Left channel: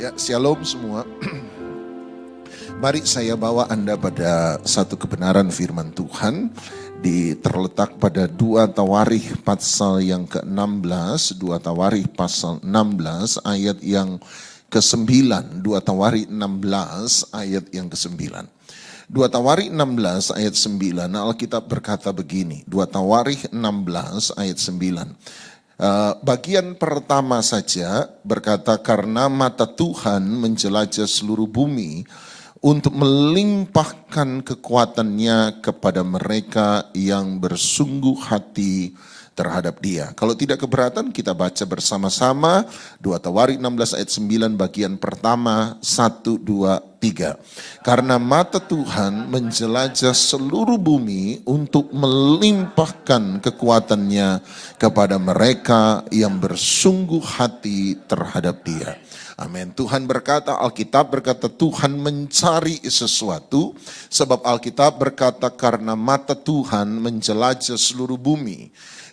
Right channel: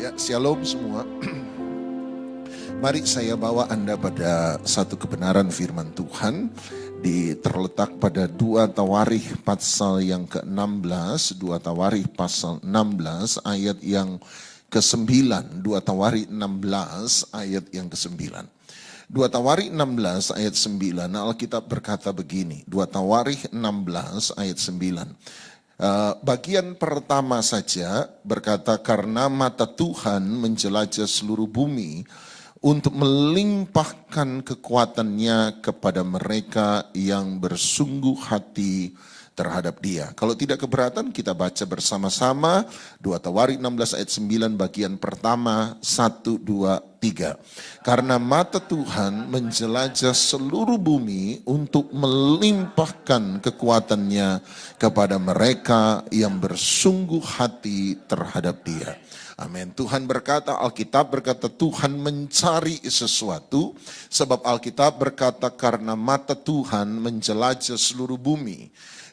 Ya, shalom semua. Mari saya bawa Anda pada satu kebenaran firman Tuhan terletak pada 2 Tawarikh pasal yang ke-16, 2 Tawarikh pasal 16 ayat yang ke-9, 2 Tawarikh 16 ayat yang ke-9. 2 Tawarikh 16 ayat 9, Alkitab berkata begini, 2 Tawarikh 16 ayat 9. Bagian pertama saja berkata, karena mata Tuhan menjelajah seluruh bumi untuk melimpahkan kekuatannya kepada mereka yang bersungguh hati terhadap Dia. Kalau tidak keberatan, kita baca bersama-sama 2 Tawarikh 16 ayat 9 bagian pertama, 1, 2, 3. Karena mata Tuhan menjelajah seluruh bumi untuk melimpahkan kekuatannya kepada mereka yang bersungguh hati terhadap Dia. Amin. Tuhan berkata, Alkitab berkata Tuhan mencari sesuatu, sebab Alkitab berkata karena mata Tuhan menjelajah seluruh bumi.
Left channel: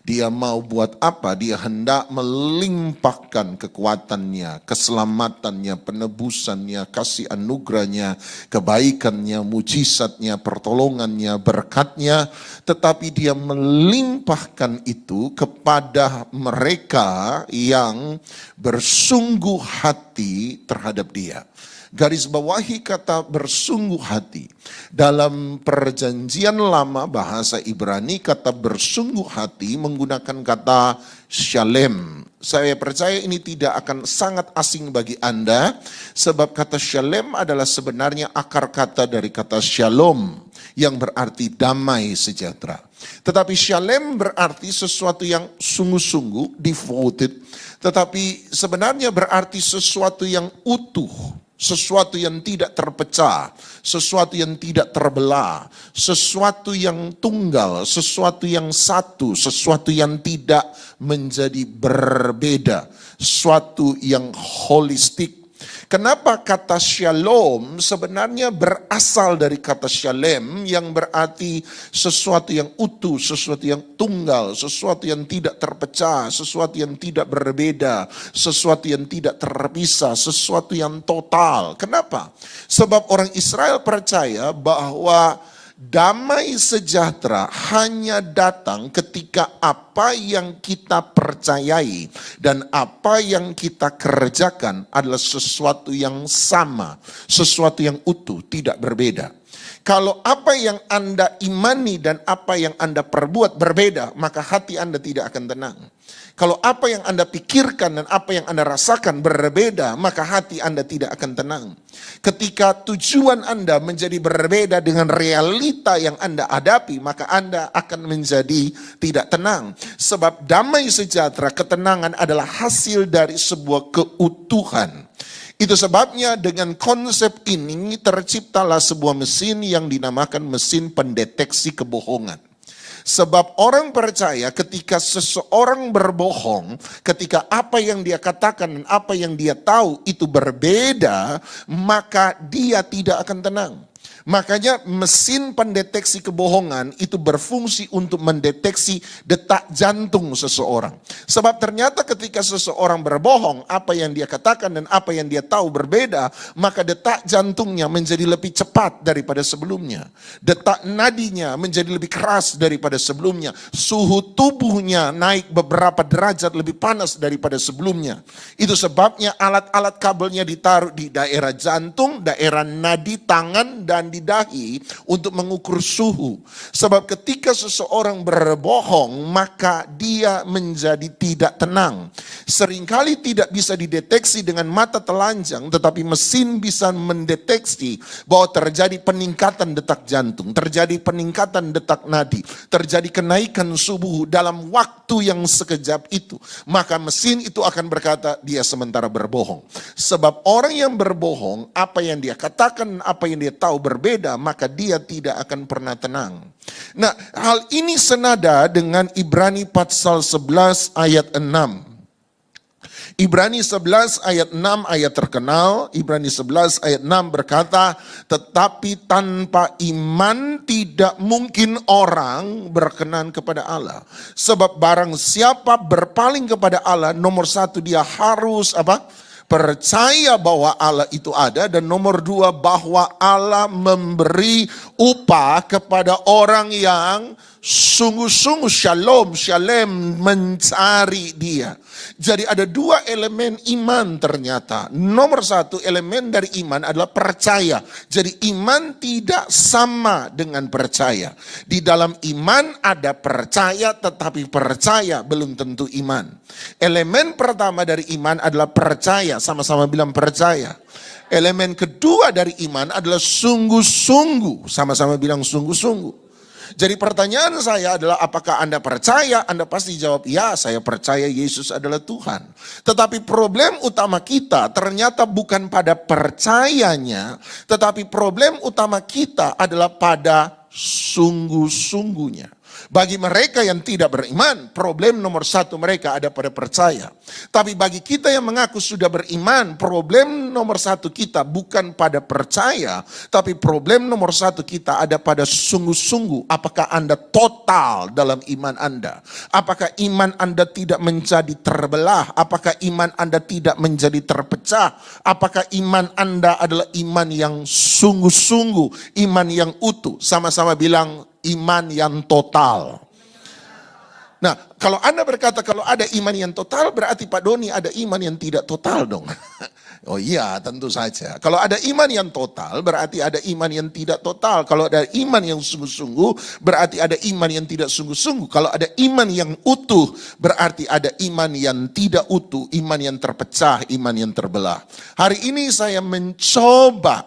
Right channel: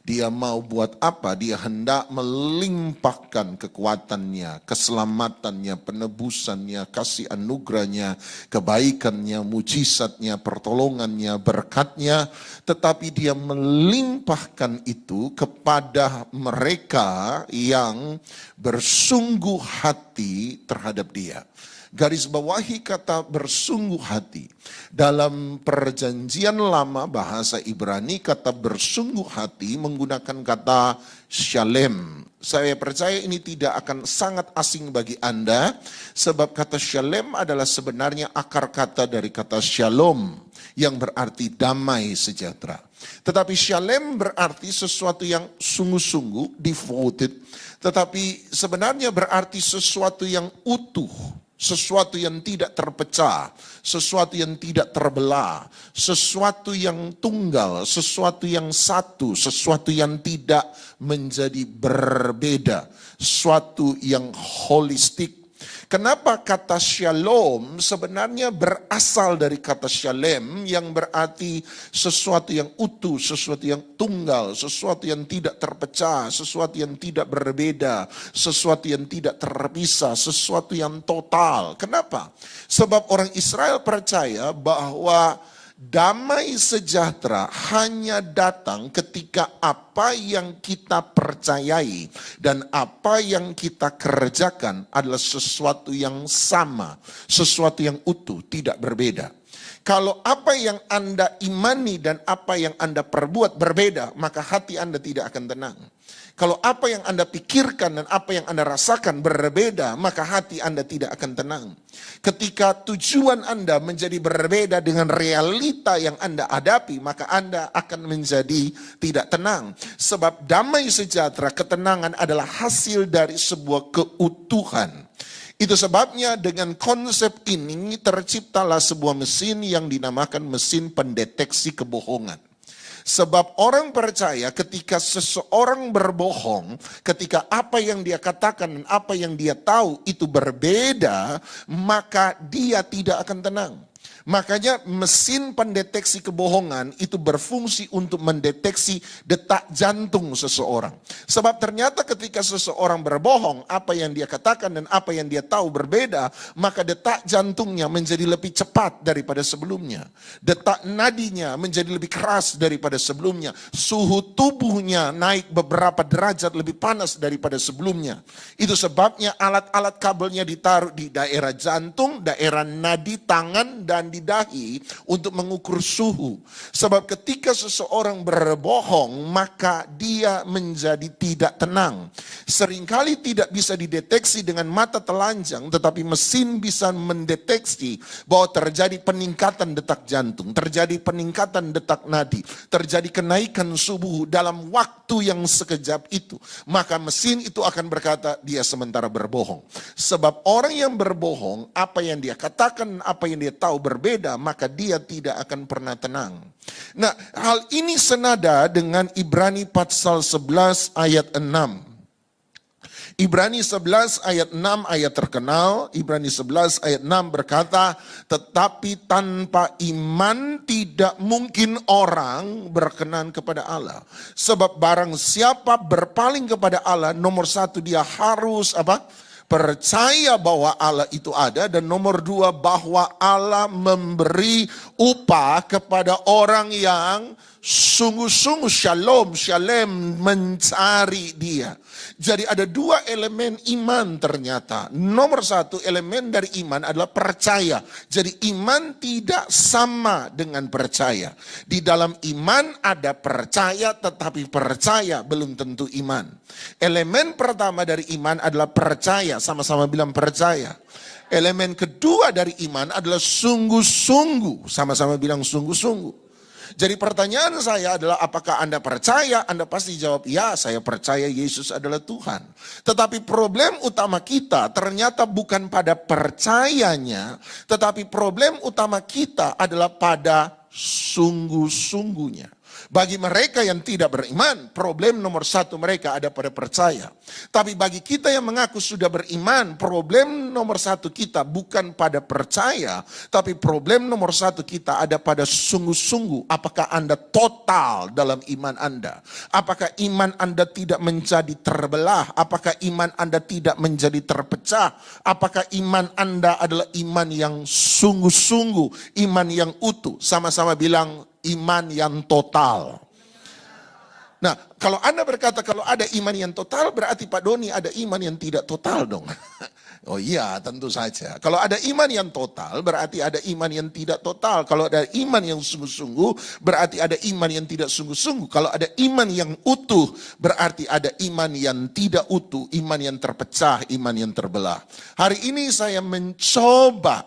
Dia mau buat apa? Dia hendak melimpahkan kekuatannya, keselamatannya, penebusannya, kasih anugerahnya, kebaikannya, mujizatnya, pertolongannya, berkatnya. Tetapi dia melimpahkan itu kepada mereka yang bersungguh hati terhadap Dia. Garis bawahi kata bersungguh hati. Dalam perjanjian lama bahasa Ibrani kata bersungguh hati menggunakan kata shalem. Saya percaya ini tidak akan sangat asing bagi Anda, sebab kata shalem adalah sebenarnya akar kata dari kata shalom yang berarti damai sejahtera. Tetapi shalem berarti sesuatu yang sungguh-sungguh, devoted, tetapi sebenarnya berarti sesuatu yang utuh. Sesuatu yang tidak terpecah, sesuatu yang tidak terbelah, sesuatu yang tunggal, sesuatu yang satu, sesuatu yang tidak menjadi berbeda, sesuatu yang holistik. Kenapa kata shalom sebenarnya berasal dari kata shalem yang berarti sesuatu yang utuh, sesuatu yang tunggal, sesuatu yang tidak terpecah, sesuatu yang tidak berbeda, sesuatu yang tidak terpisah, sesuatu yang total. Kenapa? Sebab orang Israel percaya bahwa damai sejahtera hanya datang ketika apa yang kita percayai dan apa yang kita kerjakan adalah sesuatu yang sama, sesuatu yang utuh, tidak berbeda. Kalau apa yang Anda imani dan apa yang Anda perbuat berbeda, maka hati Anda tidak akan tenang. Kalau apa yang Anda pikirkan dan apa yang Anda rasakan berbeda, maka hati Anda tidak akan tenang. Ketika tujuan Anda menjadi berbeda dengan realita yang Anda hadapi, maka Anda akan menjadi tidak tenang. Sebab damai sejahtera, ketenangan adalah hasil dari sebuah keutuhan. Itu sebabnya dengan konsep ini terciptalah sebuah mesin yang dinamakan mesin pendeteksi kebohongan. Sebab orang percaya ketika seseorang berbohong, ketika apa yang dia katakan dan apa yang dia tahu itu berbeda, maka dia tidak akan tenang. Makanya mesin pendeteksi kebohongan itu berfungsi untuk mendeteksi detak jantung seseorang. Sebab ternyata ketika seseorang berbohong, apa yang dia katakan dan apa yang dia tahu berbeda, maka detak jantungnya menjadi lebih cepat daripada sebelumnya. Detak nadinya menjadi lebih keras daripada sebelumnya. Suhu tubuhnya naik beberapa derajat lebih panas daripada sebelumnya. Itu sebabnya alat-alat kabelnya ditaruh di daerah jantung, daerah nadi, tangan, dan di dahi untuk mengukur suhu. Sebab ketika seseorang berbohong, maka dia menjadi tidak tenang. Seringkali tidak bisa dideteksi dengan mata telanjang, tetapi mesin bisa mendeteksi bahwa terjadi peningkatan detak jantung, terjadi peningkatan detak nadi, terjadi kenaikan suhu dalam waktu yang sekejap itu. Maka mesin itu akan berkata dia sementara berbohong. Sebab orang yang berbohong, apa yang dia katakan, apa yang dia tahu berbeda, maka dia tidak akan pernah tenang. Nah, hal ini senada dengan Ibrani pasal 11 ayat 6. Ibrani 11 ayat 6 ayat terkenal, Ibrani 11 ayat 6 berkata, tetapi tanpa iman tidak mungkin orang berkenan kepada Allah. Sebab barang siapa berpaling kepada Allah, nomor satu dia harus apa? Percaya bahwa Allah itu ada, dan nomor dua bahwa Allah memberi upah kepada orang yang sungguh-sungguh shalom mencari dia. Jadi ada dua elemen iman ternyata. Nomor satu, elemen dari iman adalah percaya. Jadi iman tidak sama dengan percaya. Di dalam iman ada percaya, tetapi percaya belum tentu iman. Elemen pertama dari iman adalah percaya, sama-sama bilang percaya. Elemen kedua dari iman adalah sungguh-sungguh, sama-sama bilang sungguh-sungguh. Jadi pertanyaan saya adalah, apakah Anda percaya? Anda pasti jawab, ya, saya percaya Yesus adalah Tuhan. Tetapi problem utama kita ternyata bukan pada percayanya, tetapi problem utama kita adalah pada sungguh-sungguhnya. Bagi mereka yang tidak beriman, problem nomor satu mereka ada pada percaya. Tapi bagi kita yang mengaku sudah beriman, problem nomor satu kita bukan pada percaya, tapi problem nomor satu kita ada pada sungguh-sungguh. Apakah Anda total dalam iman Anda? Apakah iman Anda tidak menjadi terbelah? Apakah iman Anda tidak menjadi terpecah? Apakah iman Anda adalah iman yang sungguh-sungguh, iman yang utuh? Sama-sama bilang, iman yang total. Nah, kalau Anda berkata kalau ada iman yang total, berarti Pak Doni ada iman yang tidak total dong. Oh iya, tentu saja. Kalau ada iman yang total, berarti ada iman yang tidak total. Kalau ada iman yang sungguh-sungguh, berarti ada iman yang tidak sungguh-sungguh. Kalau ada iman yang utuh, berarti ada iman yang tidak utuh, iman yang terpecah, iman yang terbelah. Hari ini saya mencoba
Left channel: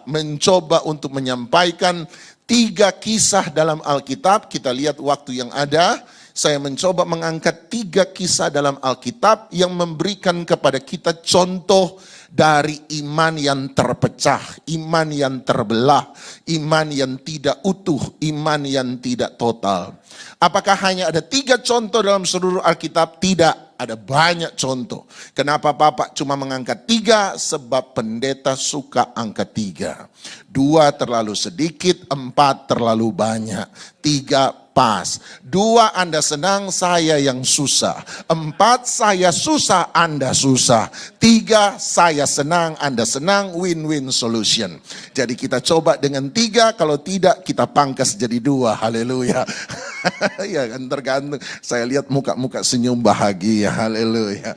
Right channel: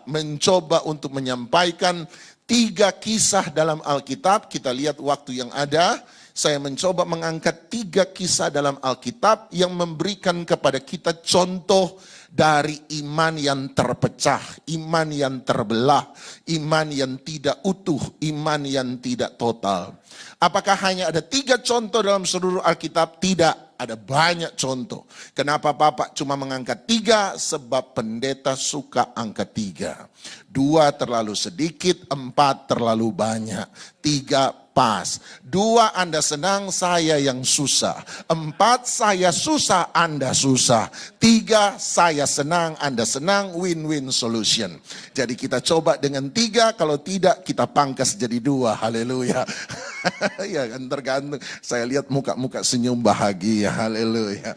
untuk menyampaikan 3 kisah dalam Alkitab. Kita lihat waktu yang ada. Saya mencoba mengangkat 3 kisah dalam Alkitab yang memberikan kepada kita contoh dari iman yang terpecah, iman yang terbelah, iman yang tidak utuh, iman yang tidak total. Apakah hanya ada 3 contoh dalam seluruh Alkitab? Tidak. Ada banyak contoh. Kenapa Bapak cuma mengangkat 3? Sebab pendeta suka angkat 3. 2 terlalu sedikit, 4 terlalu banyak, 3 pas. 2 Anda senang, saya yang susah. 4 saya susah, Anda susah. 3 saya senang, Anda senang, win-win solution. Jadi kita coba dengan 3, kalau tidak kita pangkas jadi 2. Haleluya. Ya kan, tergantung. Saya lihat muka-muka senyum bahagia. Haleluya.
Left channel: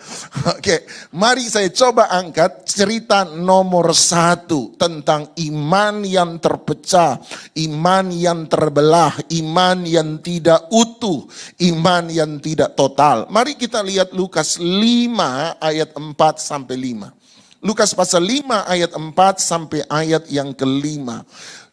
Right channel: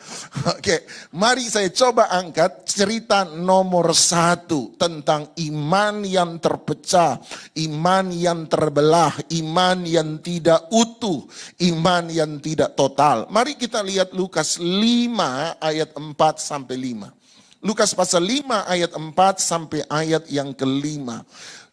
Oke, mari saya coba angkat cerita nomor 1 tentang iman yang terpecah, iman yang terbelah, iman yang tidak utuh, iman yang tidak total. Mari kita lihat Lukas 5 ayat 4 sampai 5. Lukas pasal 5 ayat 4 sampai ayat yang ke-5.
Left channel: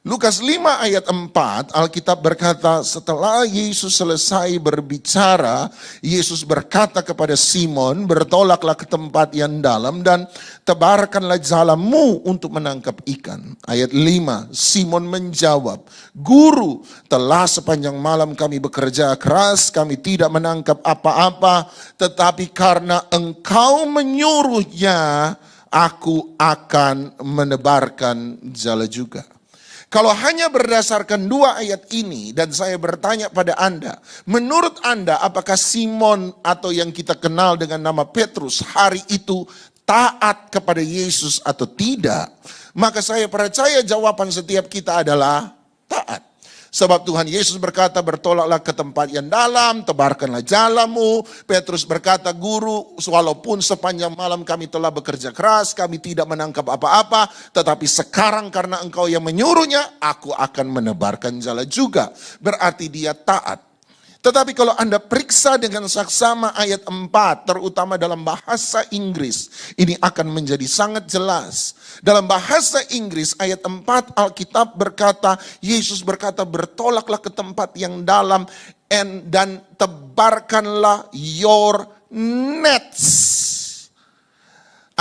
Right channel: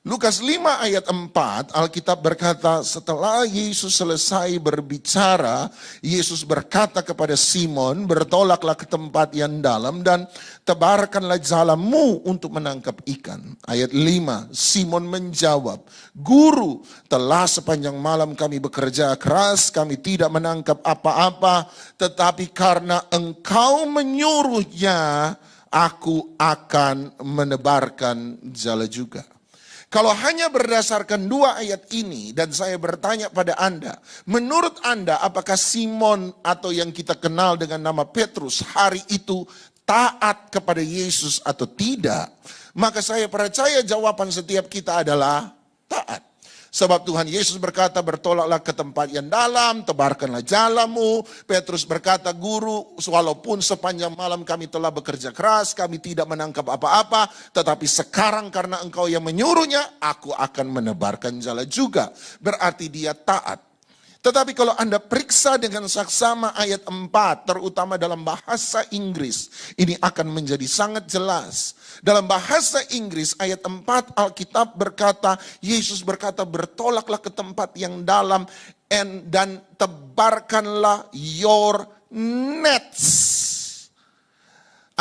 Lukas 5 ayat 4, Alkitab berkata, setelah Yesus selesai berbicara, Yesus berkata kepada Simon, bertolaklah ke tempat yang dalam dan tebarkanlah jalamu untuk menangkap ikan. Ayat 5, Simon menjawab, Guru, telah sepanjang malam kami bekerja keras, kami tidak menangkap apa-apa, tetapi karena Engkau menyuruhnya, aku akan menebarkan jala juga. Kalau hanya berdasarkan 2 ayat ini dan saya bertanya pada Anda, menurut Anda apakah Simon atau yang kita kenal dengan nama Petrus hari itu taat kepada Yesus atau tidak? Maka saya percaya jawaban setiap kita adalah taat. Sebab Tuhan Yesus berkata, bertolaklah ke tempat yang dalam, tebarkanlah jalamu. Petrus berkata, Guru, walaupun sepanjang malam kami telah bekerja keras, kami tidak menangkap apa-apa, tetapi sekarang karena Engkau yang menyuruhnya, aku akan menebarkan jala juga. Berarti dia taat. Tetapi kalau Anda periksa dengan saksama ayat 4, terutama dalam bahasa Inggris, ini akan menjadi sangat jelas. Dalam bahasa Inggris ayat 4 Alkitab berkata, Yesus berkata, bertolaklah ke tempat yang dalam dan tebarkanlah your nets.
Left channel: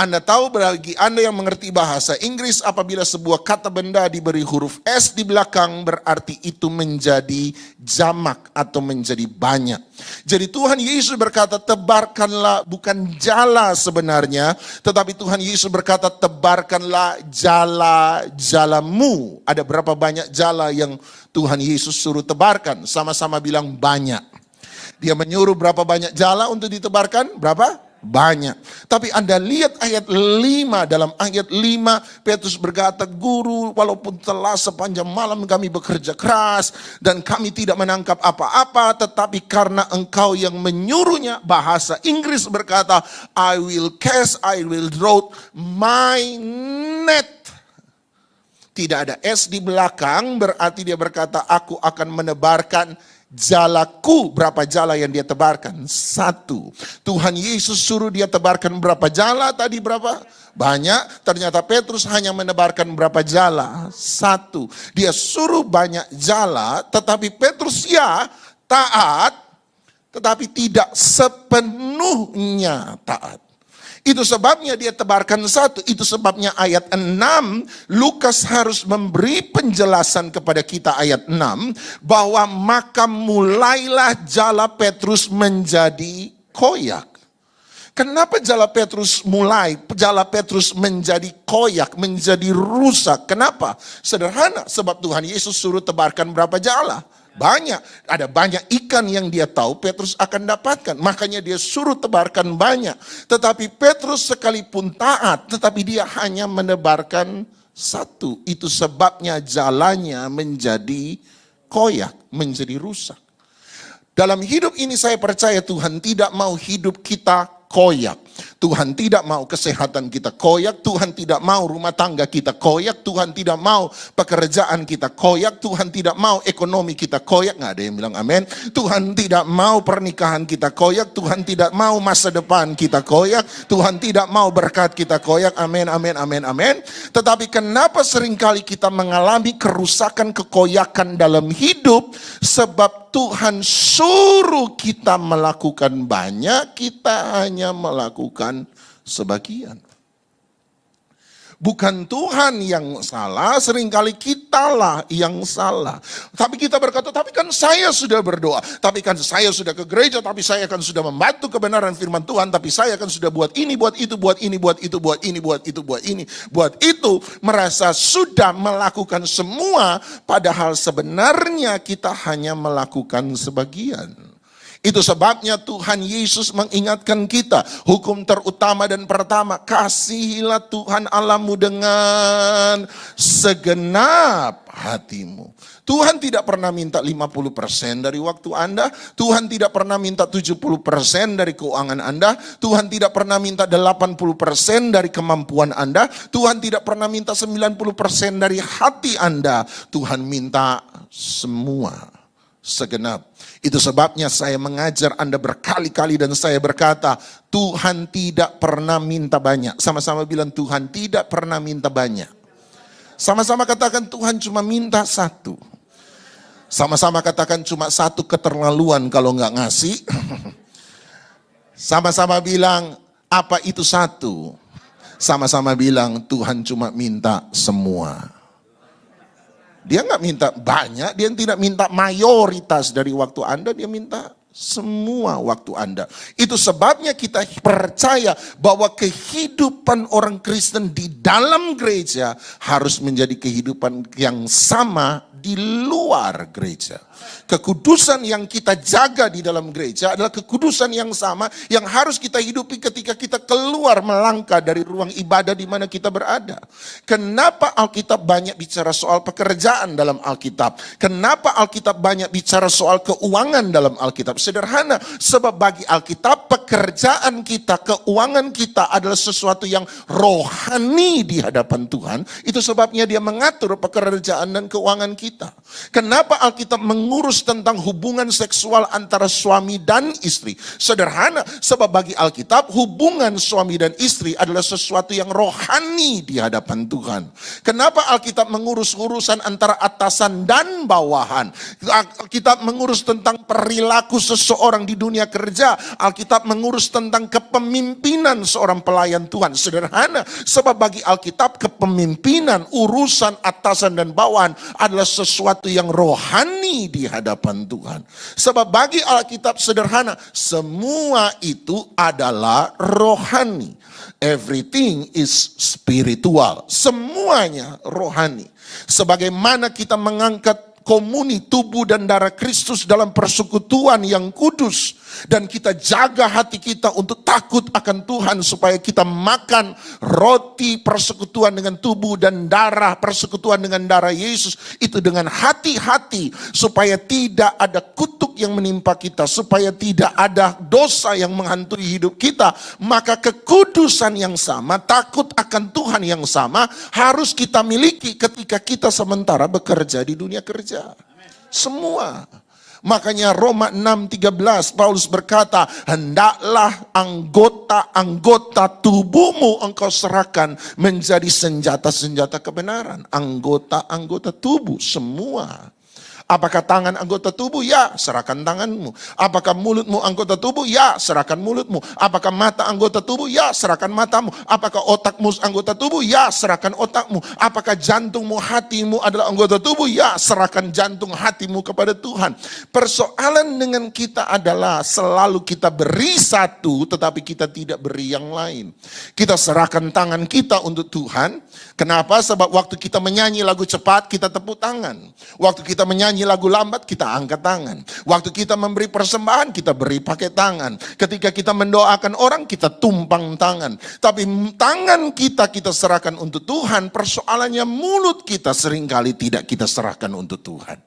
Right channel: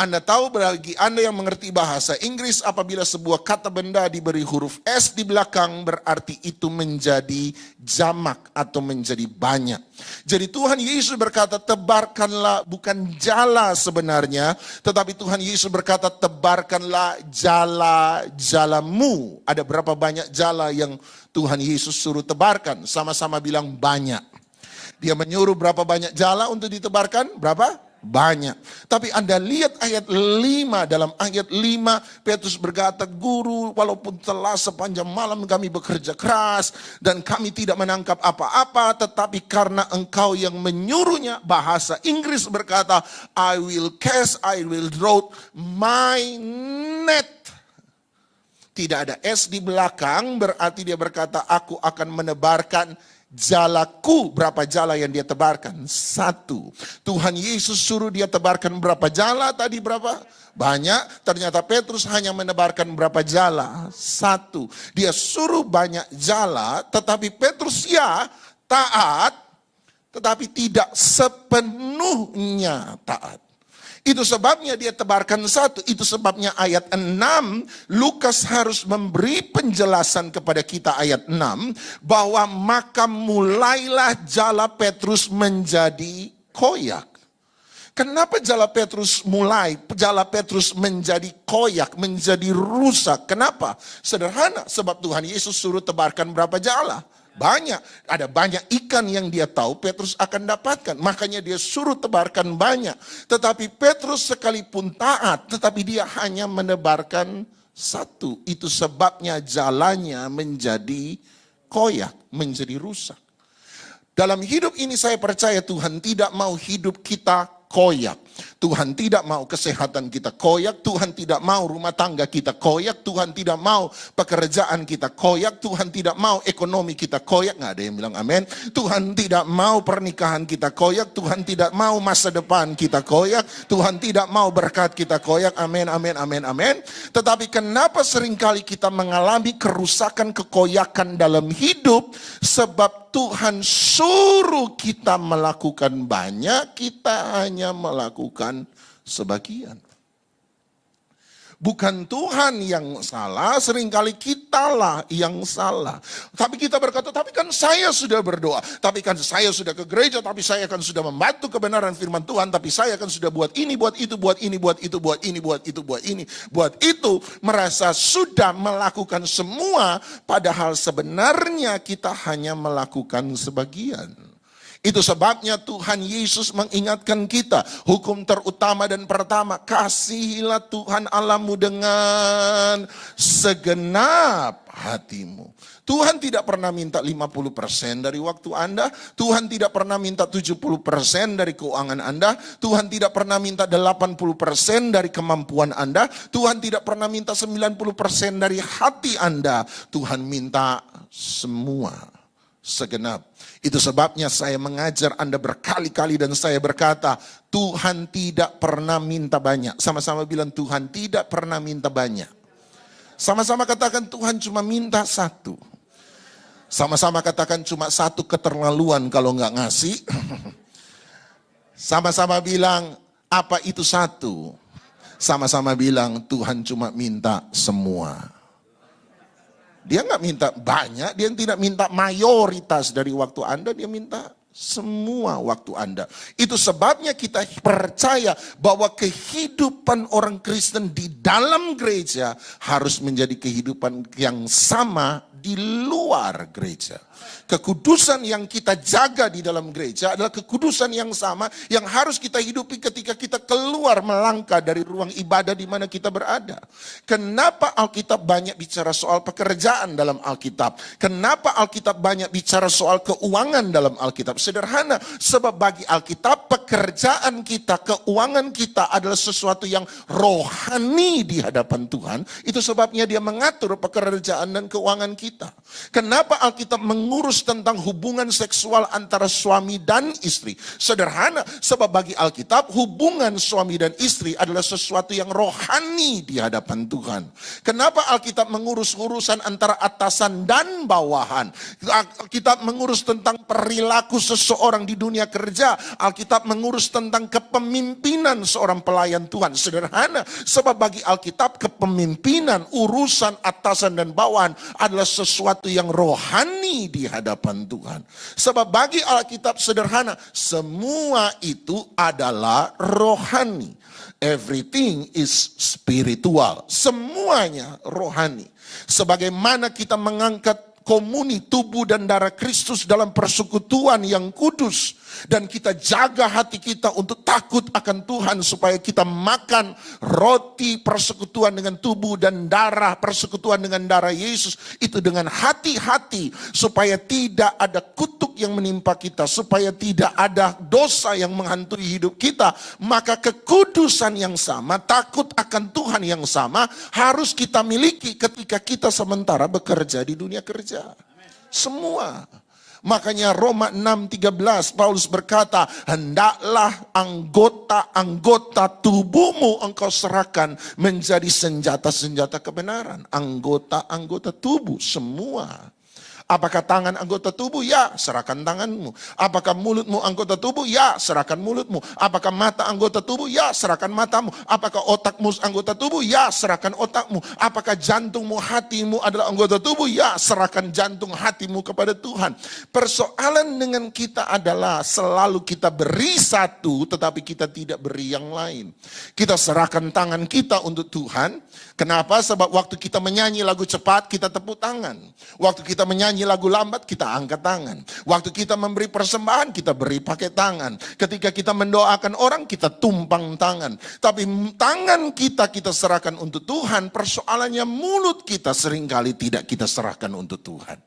Anda tahu, bagi Anda yang mengerti bahasa Inggris, apabila sebuah kata benda diberi huruf S di belakang, berarti itu menjadi jamak atau menjadi banyak. Jadi Tuhan Yesus berkata, tebarkanlah, bukan jala sebenarnya, tetapi Tuhan Yesus berkata, tebarkanlah jala-jalamu. Ada berapa banyak jala yang Tuhan Yesus suruh tebarkan? Sama-sama bilang banyak. Dia menyuruh berapa banyak jala untuk ditebarkan? Berapa? Banyak. Tapi Anda lihat ayat 5, dalam ayat 5 Petrus berkata, "Guru, walaupun telah sepanjang malam kami bekerja keras dan kami tidak menangkap apa-apa, tetapi karena engkau yang menyuruhnya," bahasa Inggris berkata, I will draw my net. Tidak ada S di belakang, berarti dia berkata, aku akan menebarkan jalaku. Berapa jala yang dia tebarkan? 1. Tuhan Yesus suruh dia tebarkan berapa jala tadi? Berapa? Banyak. Ternyata Petrus hanya menebarkan berapa jala? 1. Dia suruh banyak jala, tetapi Petrus ya taat, tetapi tidak sepenuhnya taat. Itu sebabnya dia tebarkan 1. Itu sebabnya ayat 6, Lukas harus memberi penjelasan kepada kita ayat 6, bahwa maka mulailah jala Petrus menjadi koyak. Kenapa jala Petrus menjadi koyak, menjadi rusak? Kenapa? Sederhana, sebab Tuhan Yesus suruh tebarkan berapa jala? Banyak. Ada banyak ikan yang dia tahu Petrus akan dapatkan. Makanya dia suruh tebarkan banyak. Tetapi Petrus sekalipun taat, tetapi dia hanya menebarkan 1. Itu sebabnya jalannya menjadi koyak, menjadi rusak. Dalam hidup ini saya percaya Tuhan tidak mau hidup kita koyak. Tuhan tidak mau kesehatan kita koyak. Tuhan tidak mau rumah tangga kita koyak. Tuhan tidak mau pekerjaan kita koyak. Tuhan tidak mau ekonomi kita koyak. Nggak ada yang bilang amin. Tuhan tidak mau pernikahan kita koyak. Tuhan tidak mau masa depan kita koyak. Tuhan tidak mau berkat kita koyak. Amin, amin, amin, amin. Tetapi kenapa seringkali kita mengalami kerusakan, kekoyakan dalam hidup? Sebab Tuhan suruh kita melakukan banyak, kita hanya melakukan sebagian. Bukan Tuhan yang salah, seringkali kitalah yang salah. Tapi kita berkata, tapi kan saya sudah berdoa, tapi kan saya sudah ke gereja, tapi saya kan sudah membantu kebenaran firman Tuhan, tapi saya kan sudah buat ini, buat itu, buat ini, buat itu, buat ini, buat itu, buat ini, buat itu. Merasa sudah melakukan semua, padahal sebenarnya kita hanya melakukan sebagian. Itu sebabnya Tuhan Yesus mengingatkan kita, hukum terutama dan pertama, kasihilah Tuhan Allahmu dengan segenap hatimu. Tuhan tidak pernah minta 50% dari waktu Anda. Tuhan tidak pernah minta 70% dari keuangan Anda. Tuhan tidak pernah minta 80% dari kemampuan Anda. Tuhan tidak pernah minta 90% dari hati Anda. Tuhan minta semua, segenap. Itu sebabnya saya mengajar Anda berkali-kali dan saya berkata, Tuhan tidak pernah minta banyak. Sama-sama bilang, Tuhan tidak pernah minta banyak. Sama-sama katakan, Tuhan cuma minta 1. Sama-sama katakan, cuma 1 keterlaluan kalau nggak ngasih. Sama-sama bilang, apa itu 1? Sama-sama bilang, Tuhan cuma minta semua. Dia nggak minta banyak, dia tidak minta mayoritas dari waktu Anda, dia minta semua waktu Anda. Itu sebabnya kita percaya bahwa kehidupan orang Kristen di dalam gereja harus menjadi kehidupan yang sama di luar gereja. Kekudusan yang kita jaga di dalam gereja adalah kekudusan yang sama yang harus kita hidupi ketika kita keluar melangkah dari ruang ibadah di mana kita berada. Kenapa Alkitab banyak bicara soal pekerjaan dalam Alkitab? Kenapa Alkitab banyak bicara soal keuangan dalam Alkitab? Sederhana, sebab bagi Alkitab pekerjaan kita, keuangan kita adalah sesuatu yang rohani di hadapan Tuhan. Itu sebabnya dia mengatur pekerjaan dan keuangan kita. Kenapa Alkitab mengurus tentang hubungan seksual antara suami dan istri? Sederhana, sebab bagi Alkitab hubungan suami dan istri adalah sesuatu yang rohani di hadapan Tuhan. Kenapa Alkitab mengurus urusan antara atasan dan bawahan? Alkitab mengurus tentang perilaku seseorang di dunia kerja. Alkitab mengurus tentang kepemimpinan seorang pelayan Tuhan. Sederhana, sebab bagi Alkitab kepemimpinan, urusan atasan dan bawahan adalah sesuatu yang rohani di hadapan Tuhan. Sebab bagi Alkitab sederhana, semua itu adalah rohani. Everything is spiritual. Semuanya rohani. Sebagaimana kita mengangkat komuni tubuh dan darah Kristus dalam persekutuan yang kudus. Dan kita jaga hati kita untuk takut akan Tuhan supaya kita makan roti persekutuan dengan tubuh dan darah, persekutuan dengan darah Yesus itu dengan hati-hati supaya tidak ada kutuk yang menimpa kita, supaya tidak ada dosa yang menghantui hidup kita. Maka kekudusan yang sama, takut akan Tuhan yang sama harus kita miliki ketika kita sementara bekerja di dunia kerja. Semua. Makanya Roma 6:13 Paulus berkata, hendaklah anggota-anggota tubuhmu engkau serahkan menjadi senjata-senjata kebenaran. Anggota-anggota tubuh semua. Apakah tangan anggota tubuh? Ya, serahkan tanganmu. Apakah mulutmu anggota tubuh? Ya, serahkan mulutmu. Apakah mata anggota tubuh? Ya, serahkan matamu. Apakah otakmu anggota tubuh? Ya, serahkan otakmu. Apakah jantungmu, hatimu adalah anggota tubuh? Ya, serahkan jantung hatimu kepada Tuhan. Persoalan dengan kita adalah selalu kita beri satu, tetapi kita tidak beri yang lain. Kita serahkan tangan kita untuk Tuhan. Kenapa? Sebab waktu kita menyanyi lagu cepat, kita tepuk tangan. Waktu kita menyanyi lagu lambat, kita angkat tangan. Waktu kita memberi persembahan, kita beri pakai tangan. Ketika kita mendoakan orang, kita tumpang tangan. Tapi tangan kita serahkan untuk Tuhan. Persoalannya mulut kita seringkali tidak kita serahkan untuk Tuhan.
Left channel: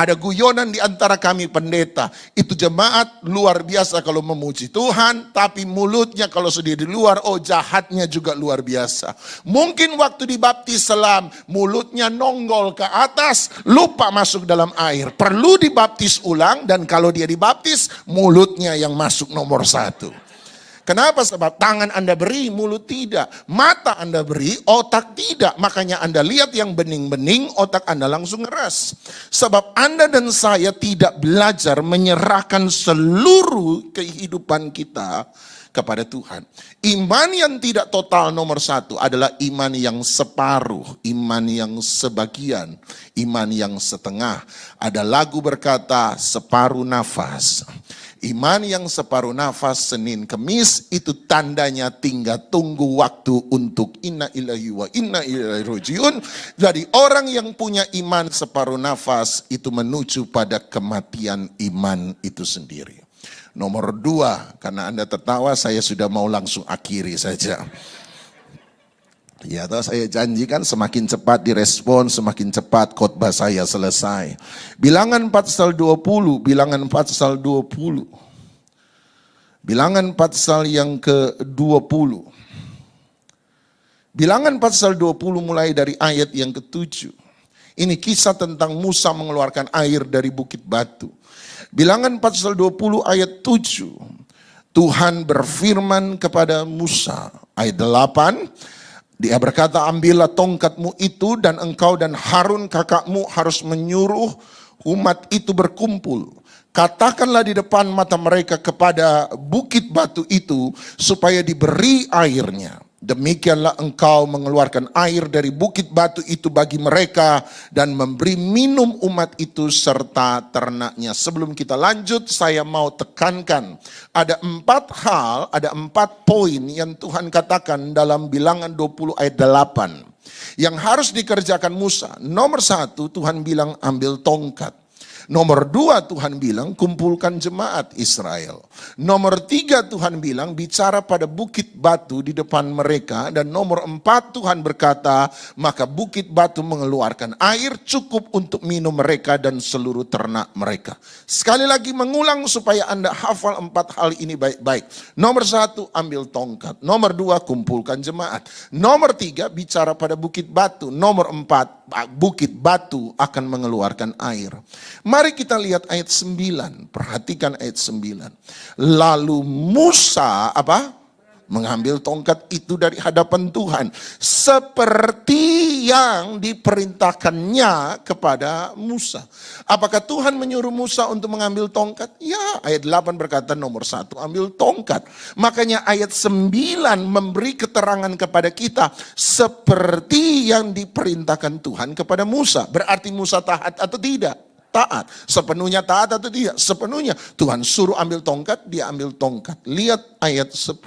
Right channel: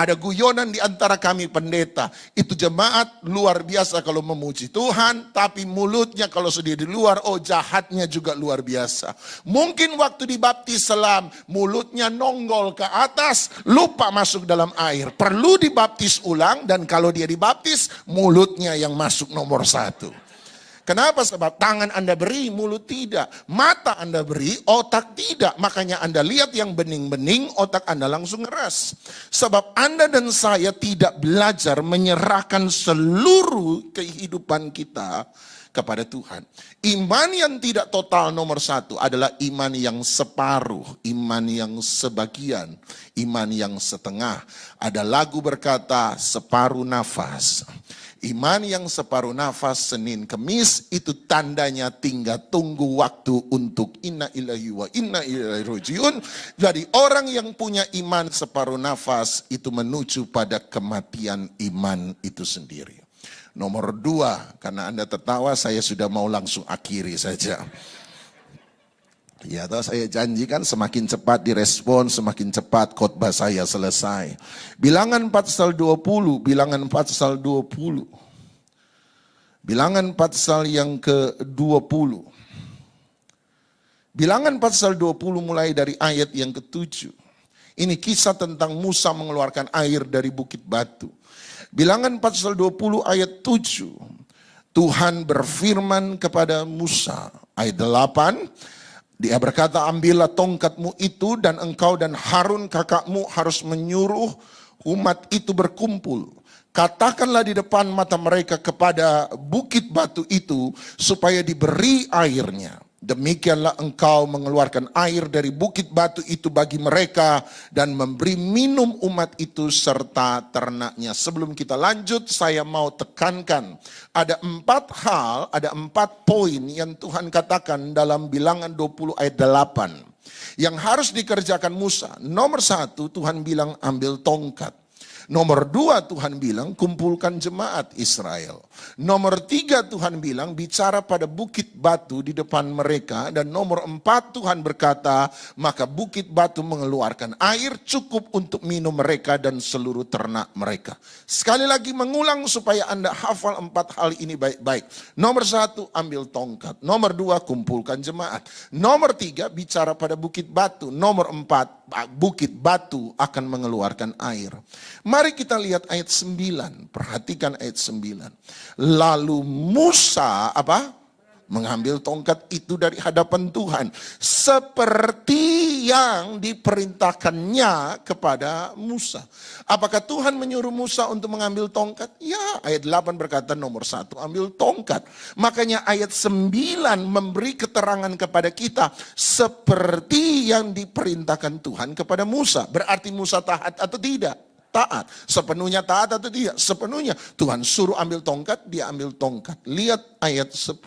Ada guyonan di antara kami pendeta. Itu jemaat luar biasa kalau memuji Tuhan. Tapi mulutnya kalau sudah di luar, oh jahatnya juga luar biasa. Mungkin waktu dibaptis selam, mulutnya nonggol ke atas, lupa masuk dalam air. Perlu dibaptis ulang, dan kalau dia dibaptis, mulutnya yang masuk nomor 1. Kenapa? Sebab tangan Anda beri, mulut tidak. Mata Anda beri, otak tidak. Makanya Anda lihat yang bening-bening, otak Anda langsung ngeras. Sebab Anda dan saya tidak belajar menyerahkan seluruh kehidupan kita kepada Tuhan. Iman yang tidak total nomor 1 adalah iman yang separuh, iman yang sebagian, iman yang setengah. Ada lagu berkata separuh nafas. Iman yang separuh nafas Senin Kemis itu tandanya tinggal tunggu waktu untuk inna ilahi wa inna ilaihi rajiun. Jadi orang yang punya iman separuh nafas itu menuju pada kematian iman itu sendiri. Nomor 2, karena Anda tertawa saya sudah mau langsung akhiri saja. Ya, atau saya janjikan semakin cepat direspon, semakin cepat khotbah saya selesai. Bilangan 4:20, bilangan 4:20. Bilangan 4 yang ke-20. Bilangan 4:20 mulai dari ayat yang ke-7. Ini kisah tentang Musa mengeluarkan air dari bukit batu. Bilangan 4:20 ayat 7. Tuhan berfirman kepada Musa. Ayat 8. Dia berkata, ambillah tongkatmu itu dan engkau dan Harun kakakmu harus menyuruh umat itu berkumpul. Katakanlah di depan mata mereka kepada bukit batu itu supaya diberi airnya. Demikianlah engkau mengeluarkan air dari bukit batu itu bagi mereka dan memberi minum umat itu serta ternaknya. Sebelum kita lanjut, saya mau tekankan ada 4 hal, ada 4 poin yang Tuhan katakan dalam bilangan 20 ayat 8 yang harus dikerjakan Musa. Nomor 1, Tuhan bilang ambil tongkat. Nomor 2, Tuhan bilang kumpulkan jemaat Israel. Nomor 3, Tuhan bilang bicara pada bukit batu di depan mereka. Dan nomor 4, Tuhan berkata maka bukit batu mengeluarkan air cukup untuk minum mereka dan seluruh ternak mereka. Sekali lagi mengulang supaya Anda hafal 4 hal ini baik-baik. Nomor 1, ambil tongkat. Nomor 2, kumpulkan jemaat. Nomor 3, bicara pada bukit batu. Nomor 4, bukit batu akan mengeluarkan air. Mari kita lihat ayat 9. Perhatikan ayat 9. Lalu Musa mengambil tongkat itu dari hadapan Tuhan seperti yang diperintahkannya kepada Musa. Apakah Tuhan menyuruh Musa untuk mengambil tongkat? Ya, ayat 8 berkata nomor 1 ambil tongkat. Makanya ayat 9 memberi keterangan kepada kita seperti yang diperintahkan Tuhan kepada Musa. Berarti Musa taat atau tidak? Taat. Sepenuhnya taat atau tidak? Sepenuhnya. Tuhan suruh ambil tongkat, dia ambil tongkat. Lihat ayat 10.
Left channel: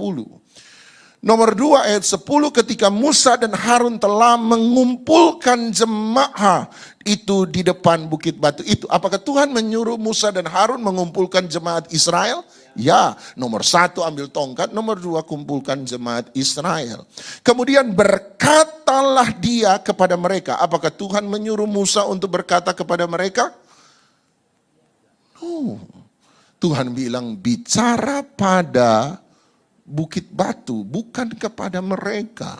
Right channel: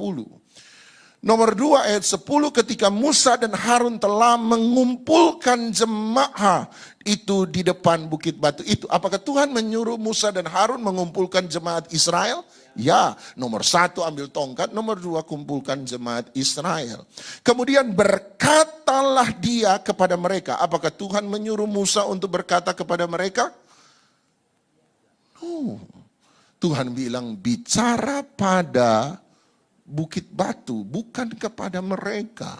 Nomor 2 ayat 10, ketika Musa dan Harun telah mengumpulkan jemaah itu di depan bukit batu itu. Apakah Tuhan menyuruh Musa dan Harun mengumpulkan jemaat Israel? Ya, nomor 1 ambil tongkat, nomor 2 kumpulkan jemaat Israel. Kemudian berkatalah dia kepada mereka. Apakah Tuhan menyuruh Musa untuk berkata kepada mereka? Tuhan bilang bicara pada bukit batu, bukan kepada mereka.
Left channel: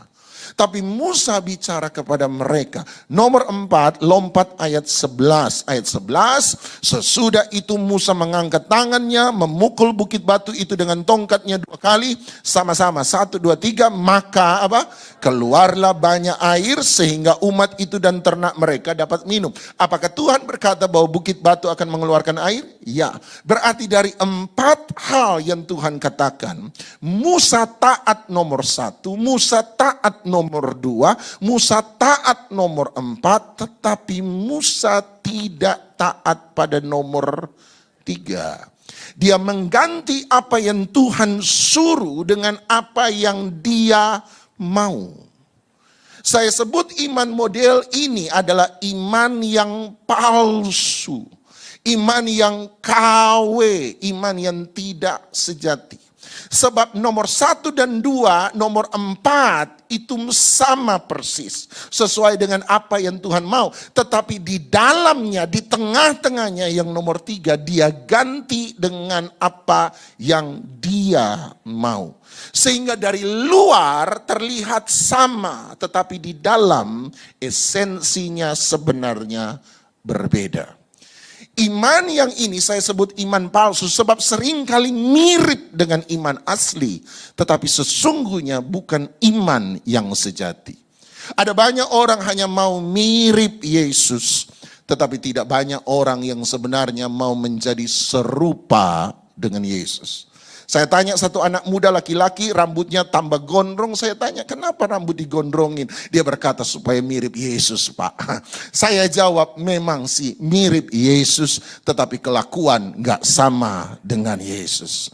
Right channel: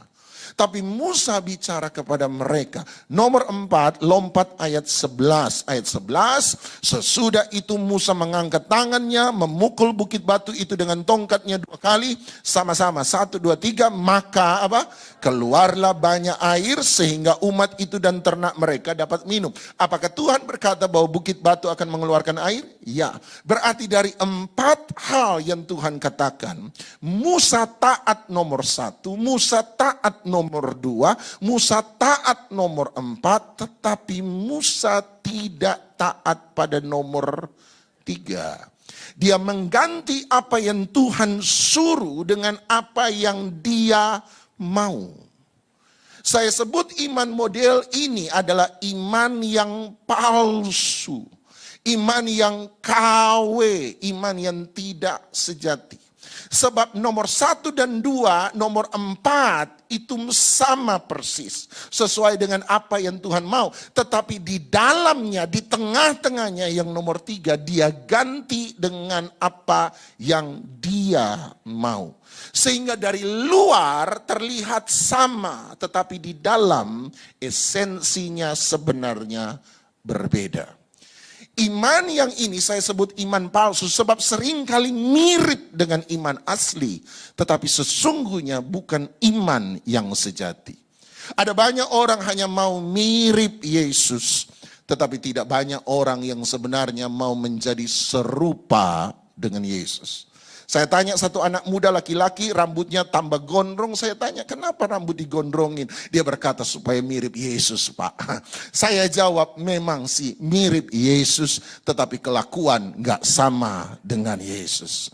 Tapi Musa bicara kepada mereka. Nomor 4, lompat ayat 11. Ayat 11, sesudah itu Musa mengangkat tangannya, memukul bukit batu itu dengan tongkatnya 2 kali. Sama-sama, 1, 2, 3. Maka apa? Keluarlah banyak air sehingga umat itu dan ternak mereka dapat minum. Apakah Tuhan berkata bahwa bukit batu akan mengeluarkan air? Ya. Berarti dari 4 hal yang Tuhan katakan, Musa taat nomor 1, Musa taat nomor 2, Musa taat nomor 4, tetapi Musa tidak taat pada nomor 3. Dia mengganti apa yang Tuhan suruh dengan apa yang dia mau. Saya sebut iman model ini adalah iman yang palsu. Iman yang KW, iman yang tidak sejati. Sebab nomor 1 dan 2, nomor 4 itu sama persis. Sesuai dengan apa yang Tuhan mau. Tetapi di dalamnya, di tengah-tengahnya yang nomor 3, dia ganti dengan apa yang dia mau. Sehingga dari luar terlihat sama. Tetapi di dalam esensinya sebenarnya berbeda. Iman yang ini saya sebut iman palsu sebab seringkali mirip dengan iman asli. Tetapi sesungguhnya bukan iman yang sejati. Ada banyak orang hanya mau mirip Yesus. Tetapi tidak banyak orang yang sebenarnya mau menjadi serupa dengan Yesus. Saya tanya satu anak muda laki-laki rambutnya tambah gondrong. Saya tanya kenapa rambut digondrongin? Dia berkata supaya mirip Yesus, Pak. Saya jawab memang sih mirip Yesus. Tetapi kelakuan gak sama dengan Yesus.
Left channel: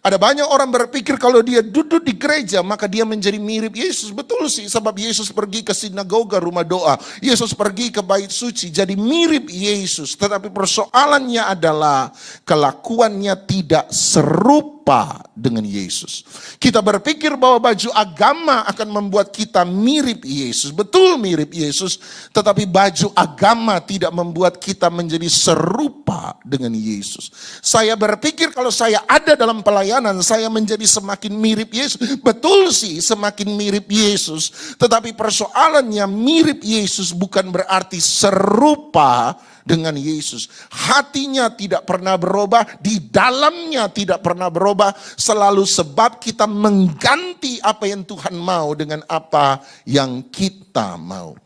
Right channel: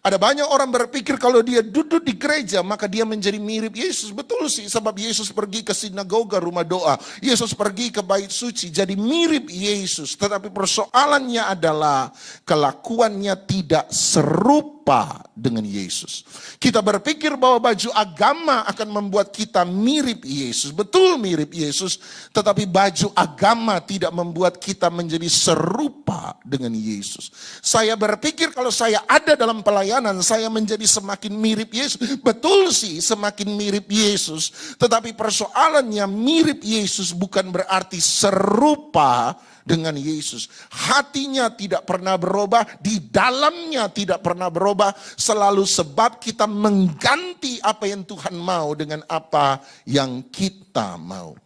Ada banyak orang berpikir kalau dia duduk di gereja maka dia menjadi mirip Yesus. Betul sih, sebab Yesus pergi ke sinagoga, rumah doa. Yesus pergi ke bait suci, jadi mirip Yesus. Tetapi persoalannya adalah kelakuannya tidak serupa dengan Yesus. Kita berpikir bahwa baju agama akan membuat kita mirip Yesus. Betul mirip Yesus, tetapi baju agama tidak membuat kita menjadi serupa dengan Yesus. Saya berpikir kalau saya ada dalam pelayanan, saya menjadi semakin mirip Yesus. Betul sih, semakin mirip Yesus. Tetapi persoalannya mirip Yesus bukan berarti serupa dengan Yesus. Hatinya tidak pernah berubah, di dalamnya tidak pernah berubah, selalu sebab kita mengganti apa yang Tuhan mau dengan apa yang kita mau.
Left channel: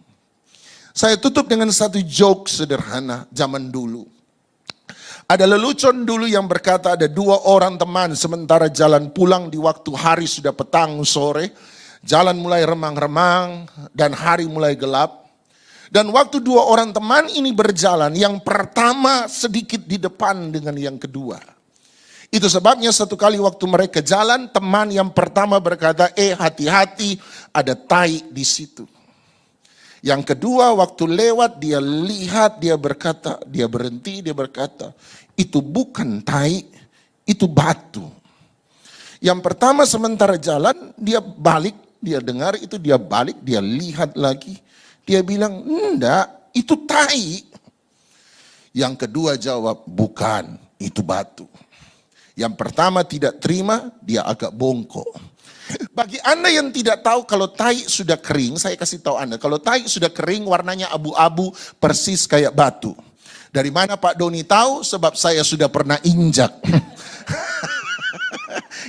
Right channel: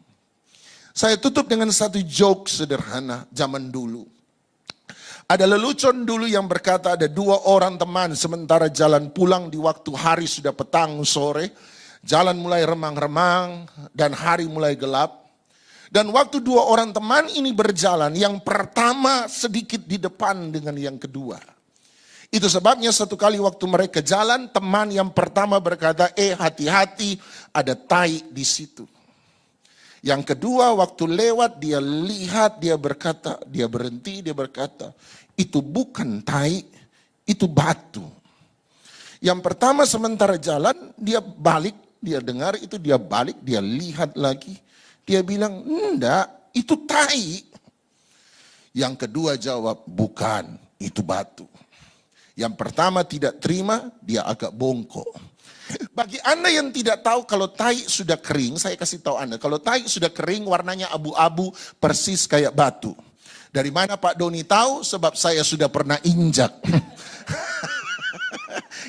Saya tutup dengan satu joke sederhana zaman dulu. Ada lelucon dulu yang berkata ada 2 orang teman sementara jalan pulang di waktu hari sudah petang sore. Jalan mulai remang-remang dan hari mulai gelap. Dan waktu 2 orang teman ini berjalan, yang pertama sedikit di depan dengan yang kedua. Itu sebabnya satu kali waktu mereka jalan, teman yang pertama berkata, hati-hati ada tai di situ. Yang kedua waktu lewat dia lihat, dia berkata, dia berhenti, dia berkata, itu bukan tai, itu batu. Yang pertama sementara jalan, dia balik, dia dengar itu, dia balik, dia lihat lagi. Dia bilang, enggak, itu tai. Yang kedua jawab, bukan, itu batu. Yang pertama tidak terima, dia agak bongkok. Bagi Anda yang tidak tahu kalau tai sudah kering, saya kasih tahu Anda. Kalau tai sudah kering, warnanya abu-abu, persis kayak batu. Dari mana Pak Doni tahu? Sebab saya sudah pernah injak.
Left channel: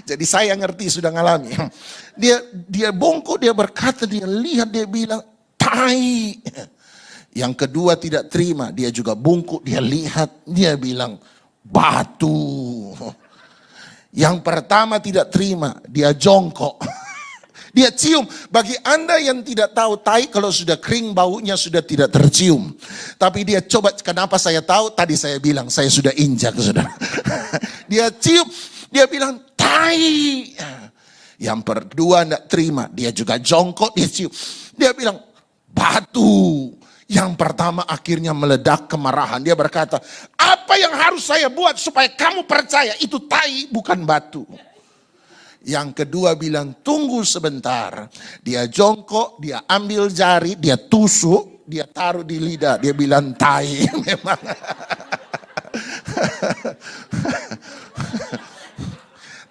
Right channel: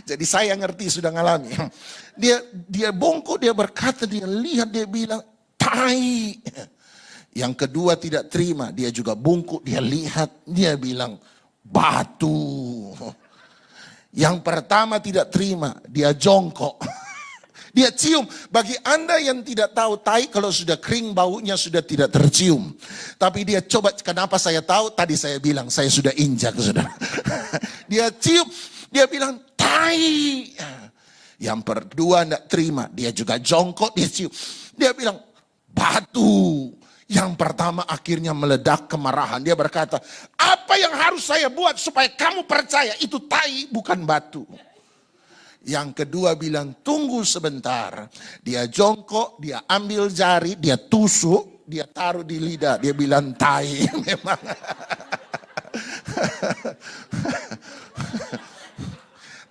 Jadi saya ngerti, sudah ngalami. Dia bongkok, dia berkata, dia lihat, dia bilang, tai. Yang kedua tidak terima, dia juga bungkuk, dia lihat, dia bilang batu. Yang pertama tidak terima, dia jongkok. Dia cium. Bagi Anda yang tidak tahu, tai kalau sudah kering baunya sudah tidak tercium. Tapi dia coba, kenapa saya tahu? Tadi saya bilang saya sudah injak, saudara. Dia cium, dia bilang tai. Yang kedua tidak terima, dia juga jongkok, dia cium. Dia bilang, batu. Yang pertama akhirnya meledak kemarahan. Dia berkata, apa yang harus saya buat supaya kamu percaya itu tai bukan batu. Yang kedua bilang, tunggu sebentar. Dia jongkok, dia ambil jari, dia tusuk, dia taruh di lidah. Dia bilang tai memang.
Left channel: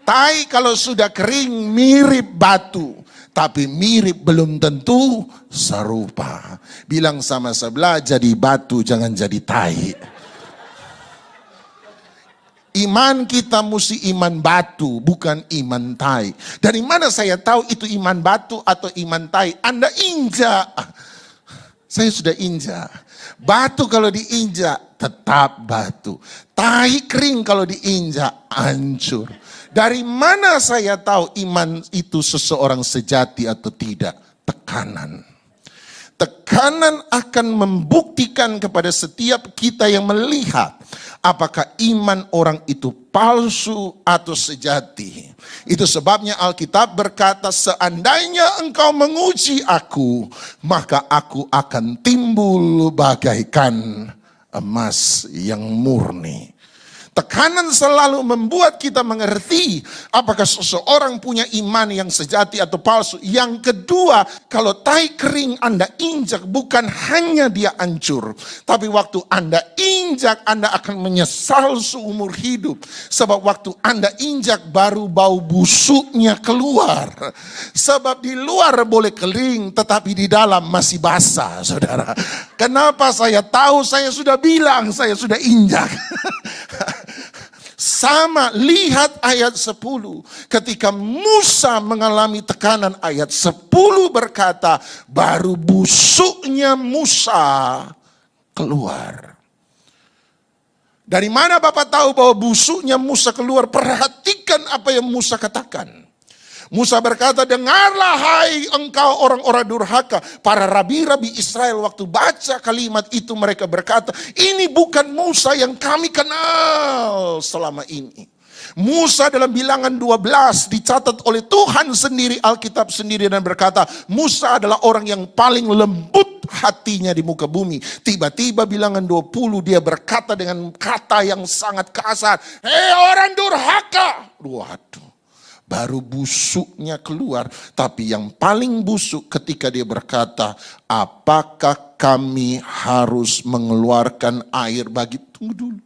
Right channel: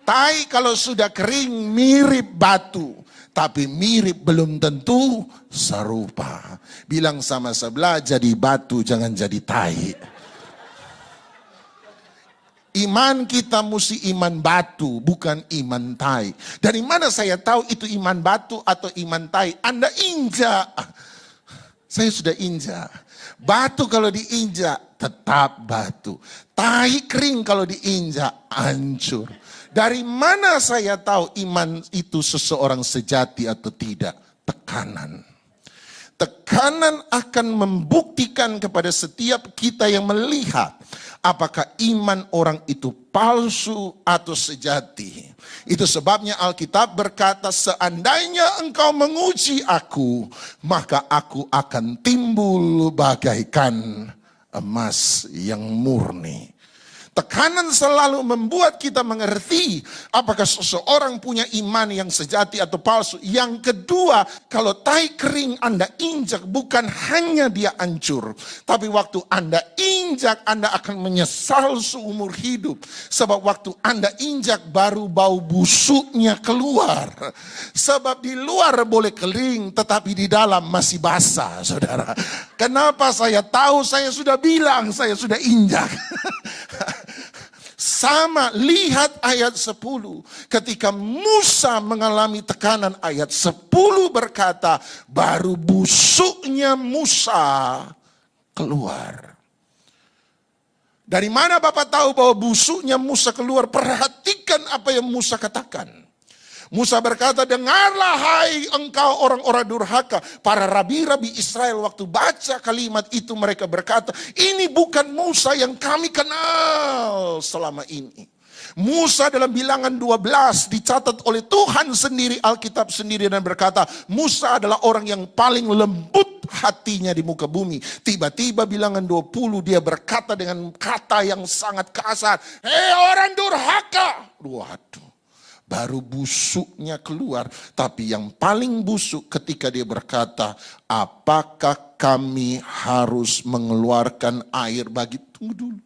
Tai kalau sudah kering mirip batu, tapi mirip belum tentu serupa. Bilang sama sebelah, jadi batu jangan jadi tai. Iman kita mesti iman batu, bukan iman tai. Dari mana saya tahu itu iman batu atau iman tai? Anda injak. Saya sudah injak. Batu kalau diinjak tetap batu. Tai kering kalau diinjak hancur. Dari mana saya tahu iman itu seseorang sejati atau tidak? Tekanan. Tekanan akan membuktikan kepada setiap kita yang melihat apakah iman orang itu palsu atau sejati. Itu sebabnya Alkitab berkata, seandainya engkau menguji aku, maka aku akan timbul bagaikan emas yang murni. Tekanan selalu membuat kita mengerti apakah seseorang punya iman yang sejati atau palsu. Yang kedua, kalau tai kering Anda injak, bukan hanya dia hancur, tapi waktu Anda injak, Anda akan menyesal seumur hidup. Sebab waktu Anda injak baru bau busuknya keluar. Sebab di luar boleh kering, tetapi di dalam masih basah, saudara. Kenapa saya tahu? Saya sudah bilang, saya sudah injak. Sama, lihat ayat 10. Ketika Musa mengalami tekanan, ayat 10 berkata, baru busuknya Musa keluar. Dari mana Bapak tahu bahwa busuknya Musa keluar? Perhatikan apa yang Musa katakan. Musa berkata, dengarlah hai engkau orang-orang durhaka. Para rabi-rabi Israel waktu baca kalimat itu mereka berkata, ini bukan Musa yang kami kenal selama ini. Musa dalam bilangan 12 dicatat oleh Tuhan sendiri, Alkitab sendiri, dan berkata, Musa adalah orang yang paling lembut hatinya di muka bumi. Tiba-tiba bilangan 20 dia berkata dengan kata yang sangat kasar, hei orang durhaka. Waduh. Baru busuknya keluar. Tapi yang paling busuk ketika dia berkata, apakah kami harus mengeluarkan air bagi... Tunggu dulu.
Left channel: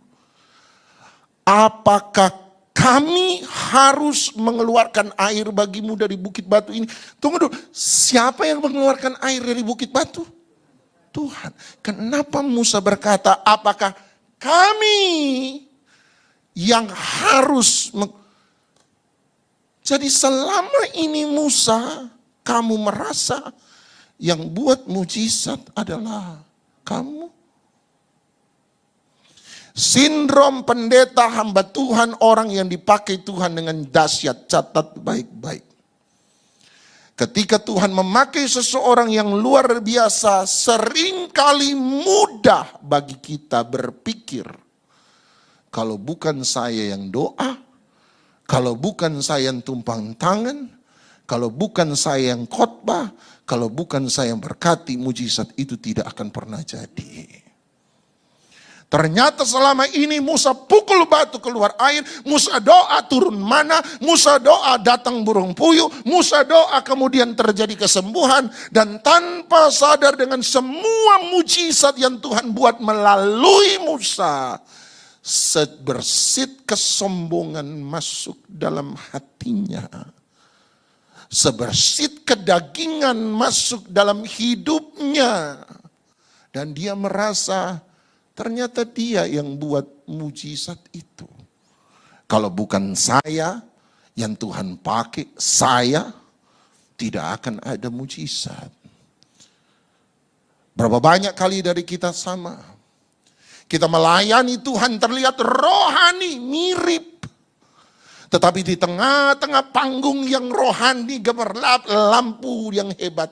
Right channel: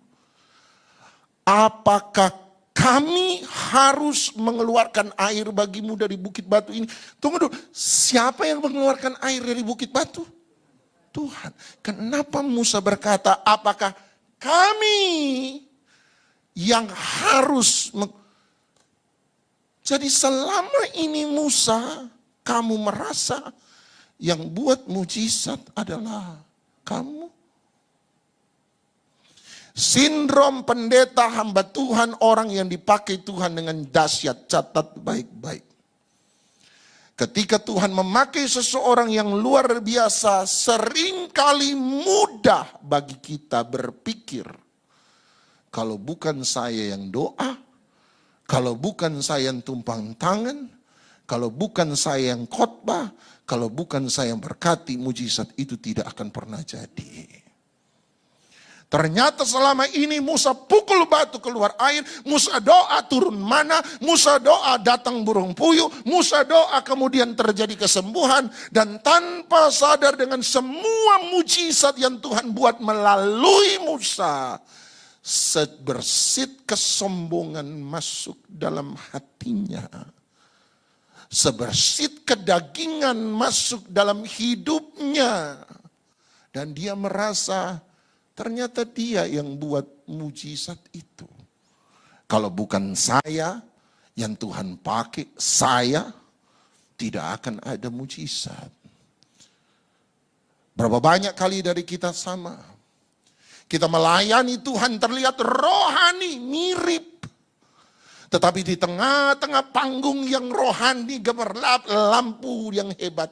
Apakah kami harus mengeluarkan air bagimu dari bukit batu ini? Tunggu dulu. Siapa yang mengeluarkan air dari bukit batu? Tuhan. Kenapa Musa berkata, apakah kami yang harus... Jadi selama ini Musa, kamu merasa yang buat mujizat adalah kamu. Sindrom pendeta hamba Tuhan, orang yang dipakai Tuhan dengan dahsyat, catat baik-baik. Ketika Tuhan memakai seseorang yang luar biasa, seringkali mudah bagi kita berpikir, kalau bukan saya yang doa, kalau bukan saya yang tumpang tangan, kalau bukan saya yang khotbah, kalau bukan saya yang berkati, mujizat itu tidak akan pernah jadi. Ternyata selama ini Musa pukul batu keluar air, Musa doa turun mana, Musa doa datang burung puyuh, Musa doa kemudian terjadi kesembuhan, dan tanpa sadar dengan semua mujizat yang Tuhan buat melalui Musa, sebersit kesombongan masuk dalam hatinya. Sebersit kedagingan masuk dalam hidupnya. Dan dia merasa ternyata dia yang buat mujizat itu. Kalau bukan saya yang Tuhan pakai, saya tidak akan ada mujizat. Berapa banyak kali dari kita sama. Kita melayani Tuhan terlihat rohani, mirip. Tetapi di tengah-tengah panggung yang rohani, gemerlap lampu yang hebat.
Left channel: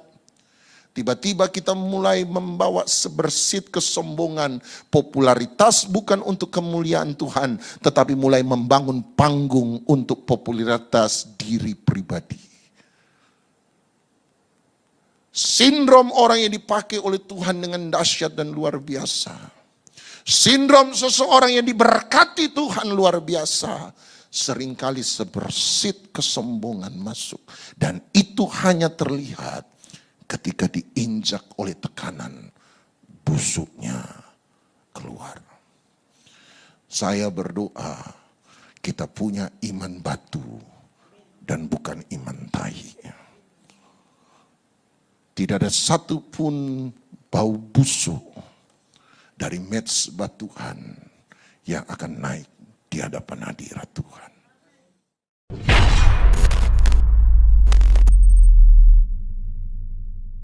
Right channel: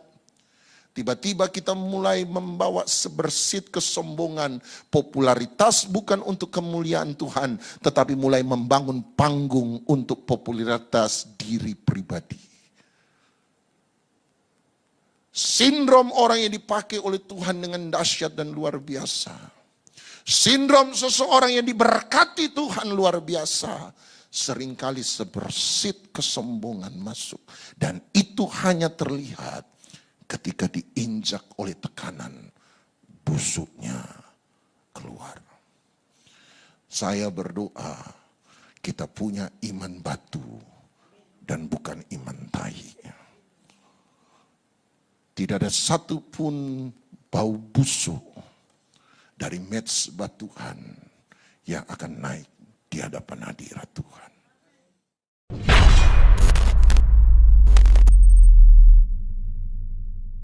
Tiba-tiba kita mulai membawa sebersit kesombongan. Popularitas bukan untuk kemuliaan Tuhan, tetapi mulai membangun panggung untuk popularitas diri pribadi. Sindrom orang yang dipakai oleh Tuhan dengan dahsyat dan luar biasa. Sindrom seseorang yang diberkati Tuhan luar biasa. Seringkali sebersit kesombongan masuk. Dan itu hanya terlihat ketika diinjak oleh tekanan, busuknya keluar. Saya berdoa kita punya iman batu dan bukan iman tahi. Tidak ada satupun bau busuk dari mezbah Tuhan yang akan naik di hadapan hadirat Tuhan.